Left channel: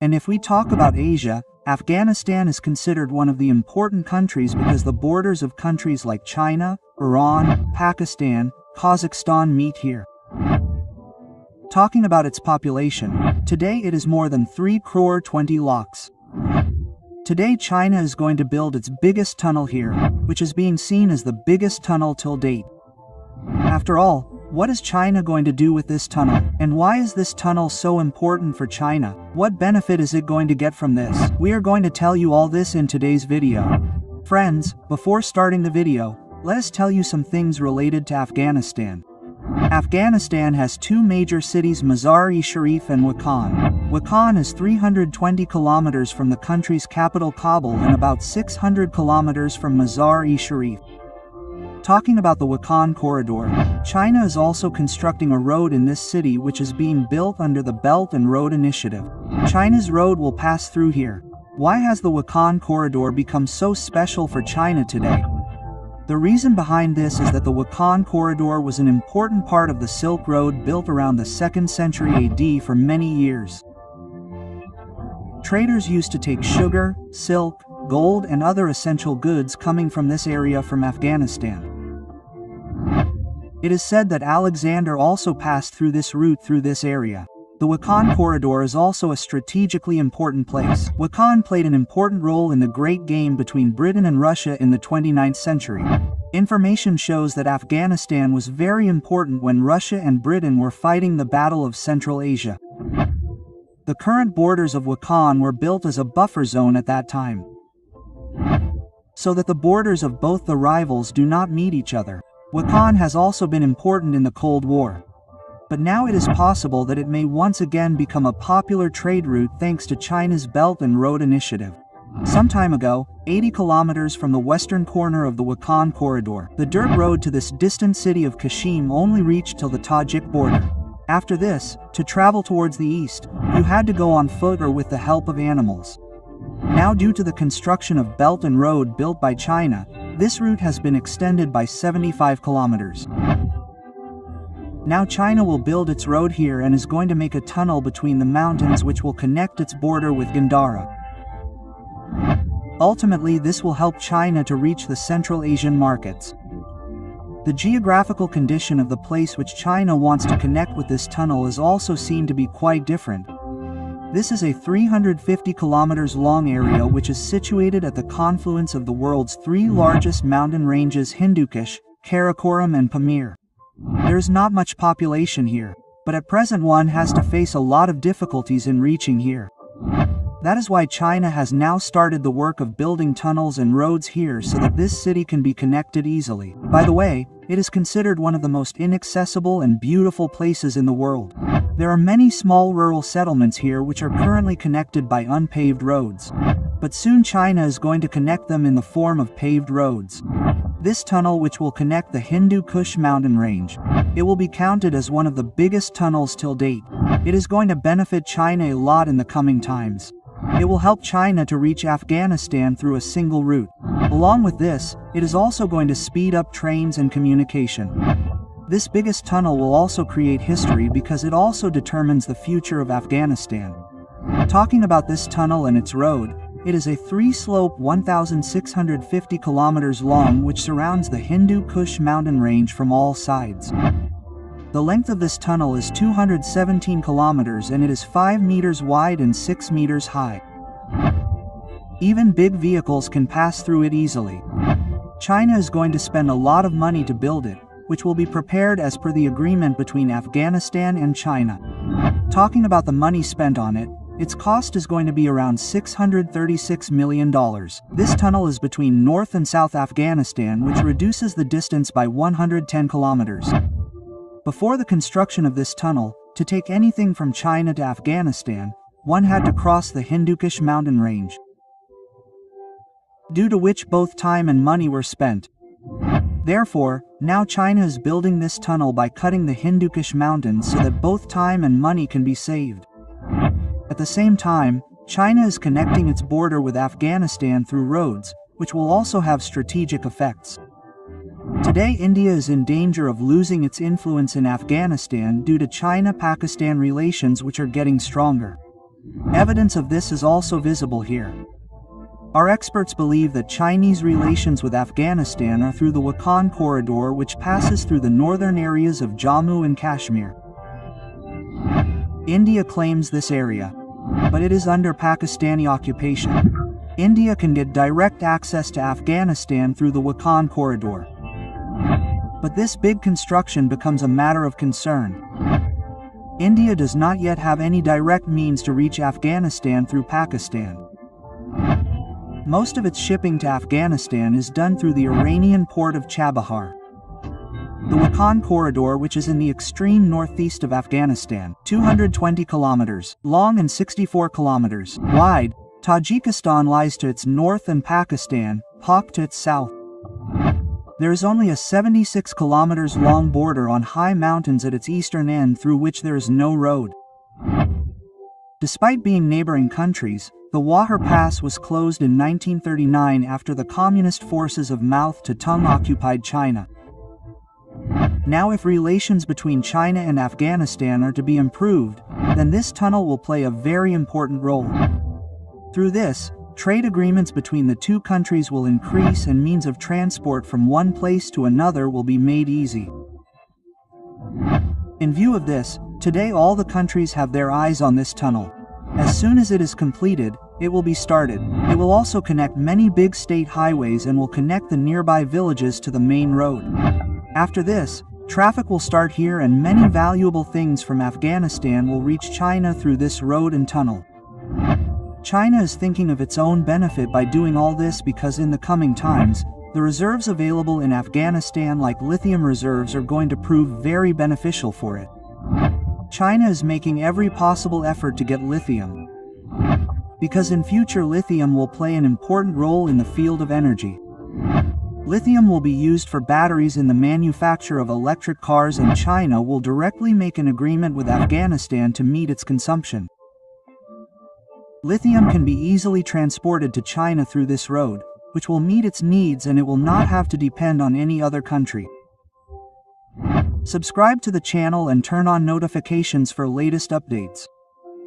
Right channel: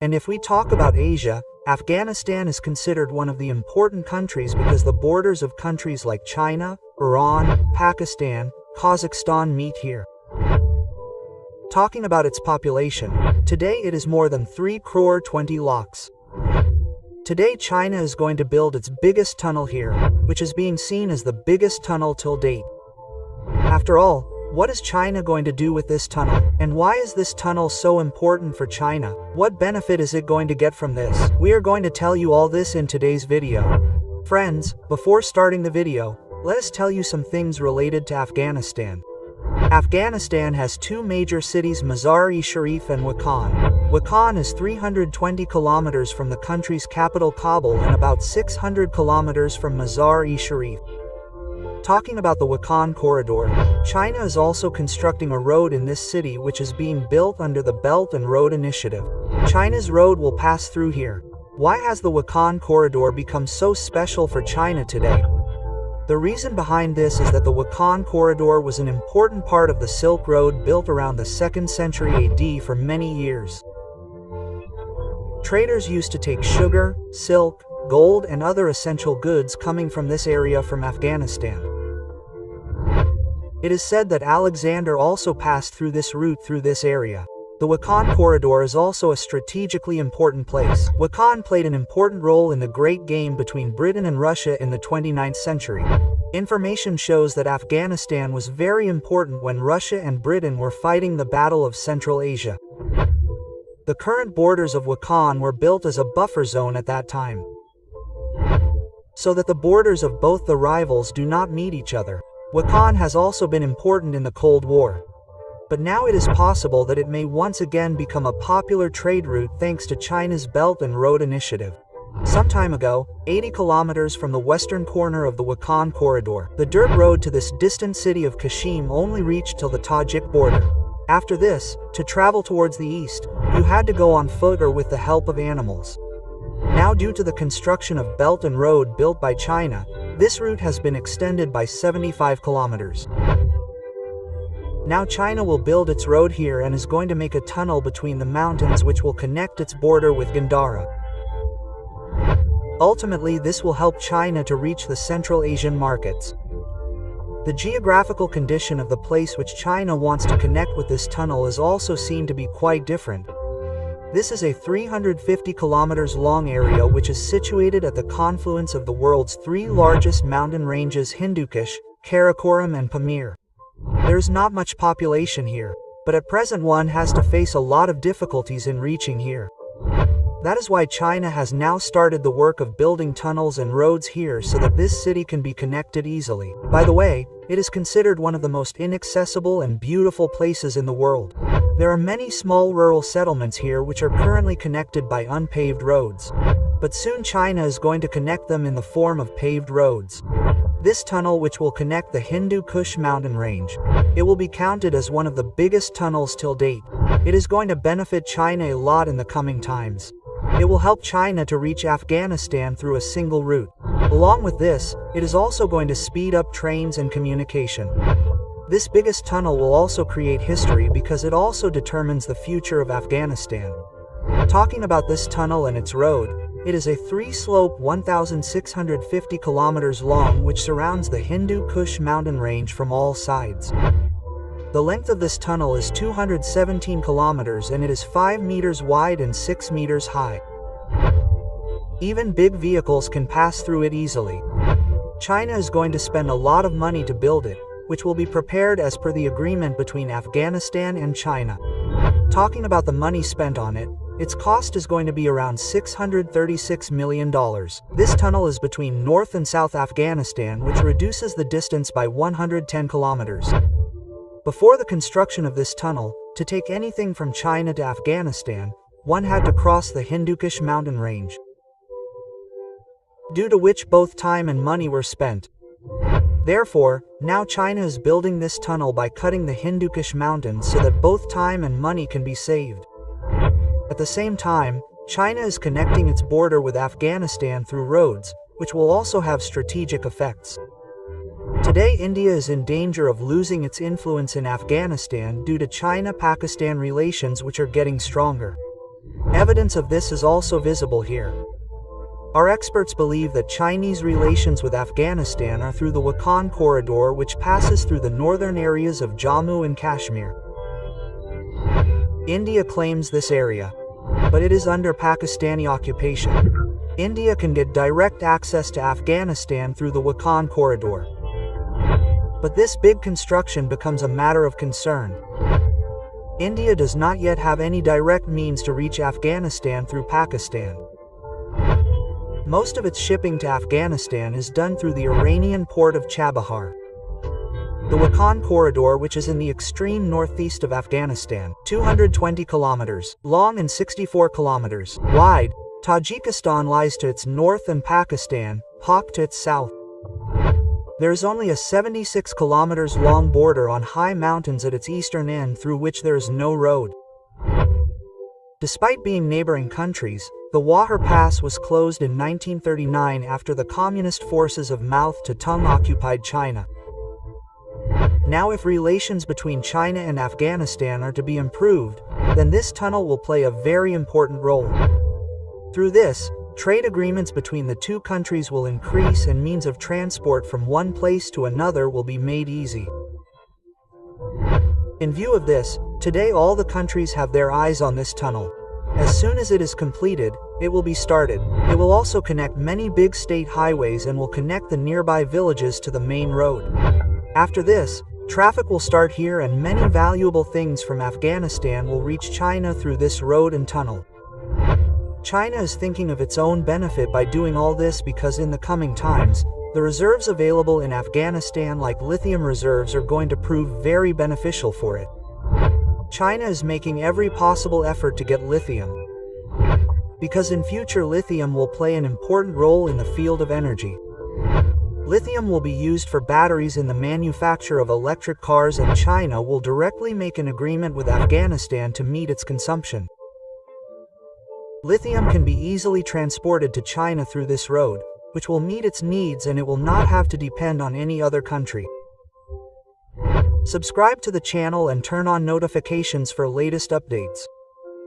And if we talk about Asia, Afghanistan is considered one of the important countries because the borders of countries like China, Iran, Pakistan, Kazakhstan meet here. Talking about its population, today it is more than 3 crore 20 lakhs. Today China is going to build its biggest tunnel here, which is being seen as the biggest tunnel till date. After all, what is China going to do with this tunnel? And why is this tunnel so important for China? What benefit is it going to get from this? We are going to tell you all this in today's video. Friends, before starting the video, let us tell you some things related to Afghanistan. Afghanistan has two major cities, Mazar-e-Sharif and Wakhan. Wakhan is 320 kilometers from the country's capital Kabul and about 600 kilometers from Mazar-e-Sharif. Talking about the Wakhan corridor, China is also constructing a road in this city which is being built under the Belt and Road Initiative. China's road will pass through here. Why has the Wakhan corridor become so special for China today? The reason behind this is that the Wakhan corridor was an important part of the Silk Road built around the 2nd century AD for many years. Traders used to take sugar, silk, gold and other essential goods coming from this area from Afghanistan. It is said that Alexander also passed through this route through this area. The Wakhan corridor is also a strategically important place. Wakhan played an important role in the Great Game between Britain and Russia in the 29th century. Information shows that Afghanistan was very important when Russia and Britain were fighting the Battle of Central Asia. The current borders of Wakhan were built as a buffer zone at that time, so that the borders of both the rivals do not meet each other. Wakhan has also been important in the Cold War. But now it is possible that it may once again become a popular trade route thanks to China's Belt and Road Initiative. Some time ago, 80 kilometers from the western corner of the Wakhan corridor, the dirt road to this distant city of Kashim only reached till the Tajik border. After this, to travel towards the east, you had to go on foot or with the help of animals. Now due to the construction of Belt and Road built by China, this route has been extended by 75 kilometers. Now China will build its road here and is going to make a tunnel between the mountains which will connect its border with Gandhara. Ultimately, this will help China to reach the Central Asian markets. The geographical condition of the place which China wants to connect with this tunnel is also seen to be quite different. This is a 350 kilometers long area which is situated at the confluence of the world's 3 largest mountain ranges, Hindu Kush, Karakoram and Pamir. There's not much population here, but at present one has to face a lot of difficulties in reaching here. That is why China has now started the work of building tunnels and roads here so that this city can be connected easily. By the way, it is considered one of the most inaccessible and beautiful places in the world. There are many small rural settlements here which are currently connected by unpaved roads. But soon China is going to connect them in the form of paved roads. This tunnel, which will connect the Hindu Kush mountain range, it will be counted as one of the biggest tunnels till date. It is going to benefit China a lot in the coming times. It will help China to reach Afghanistan through a single route. Along with this, it is also going to speed up trains and communication. This biggest tunnel will also create history because it also determines the future of Afghanistan. Talking about this tunnel and its road, it is a 3-slope 1,650 kilometers long which surrounds the Hindu Kush mountain range from all sides. The length of this tunnel is 217 kilometers and it is 5 meters wide and 6 meters high. Even big vehicles can pass through it easily. China is going to spend a lot of money to build it, which will be prepared as per the agreement between Afghanistan and China. Talking about the money spent on it, its cost is going to be around $636 million. This tunnel is between North and South Afghanistan, which reduces the distance by 110 kilometers. Before the construction of this tunnel, to take anything from China to Afghanistan, one had to cross the Hindu Kush mountain range, due to which both time and money were spent. Therefore, now China is building this tunnel by cutting the Hindu Kush mountains so that both time and money can be saved. At the same time, China is connecting its border with Afghanistan through roads, which will also have strategic effects. Today, India is in danger of losing its influence in Afghanistan due to China-Pakistan relations which are getting stronger. Evidence of this is also visible here. Our experts believe that Chinese relations with Afghanistan are through the Wakhan corridor, which passes through the northern areas of Jammu and Kashmir. India claims this area, but it is under Pakistani occupation. India can get direct access to Afghanistan through the Wakhan corridor. But this big construction becomes a matter of concern. India does not yet have any direct means to reach Afghanistan through Pakistan. Most of its shipping to Afghanistan is done through the Iranian port of Chabahar. The Wakhan corridor, which is in the extreme northeast of Afghanistan, 220 kilometers long and 64 kilometers wide, Tajikistan lies to its north and Pakistan, Pak to its south. There is only a 76 kilometers long border on high mountains at its eastern end through which there is no road. Despite being neighboring countries, the Wahar Pass was closed in 1939 after the communist forces of Mao Zedong occupied China. Now, if relations between China and Afghanistan are to be improved, then this tunnel will play a very important role. Through this, trade agreements between the two countries will increase and means of transport from one place to another will be made easy. In view of this, today all the countries have their eyes on this tunnel. As soon as it is completed, it will be started. It will also connect many big state highways and will connect the nearby villages to the main road. After this, traffic will start here and many valuable things from Afghanistan will reach China through this road and tunnel. China is thinking of its own benefit by doing all this because in the coming times, the reserves available in Afghanistan like lithium reserves are going to prove very beneficial for it. China is making every possible effort to get lithium, because in future lithium will play an important role in the field of energy. Lithium will be used for batteries in the manufacture of electric cars, and China will directly make an agreement with Afghanistan to meet its consumption. Lithium can be easily transported to China through this road, which will meet its needs and it will not have to depend on any other country. Subscribe to the channel and turn on notifications for latest updates.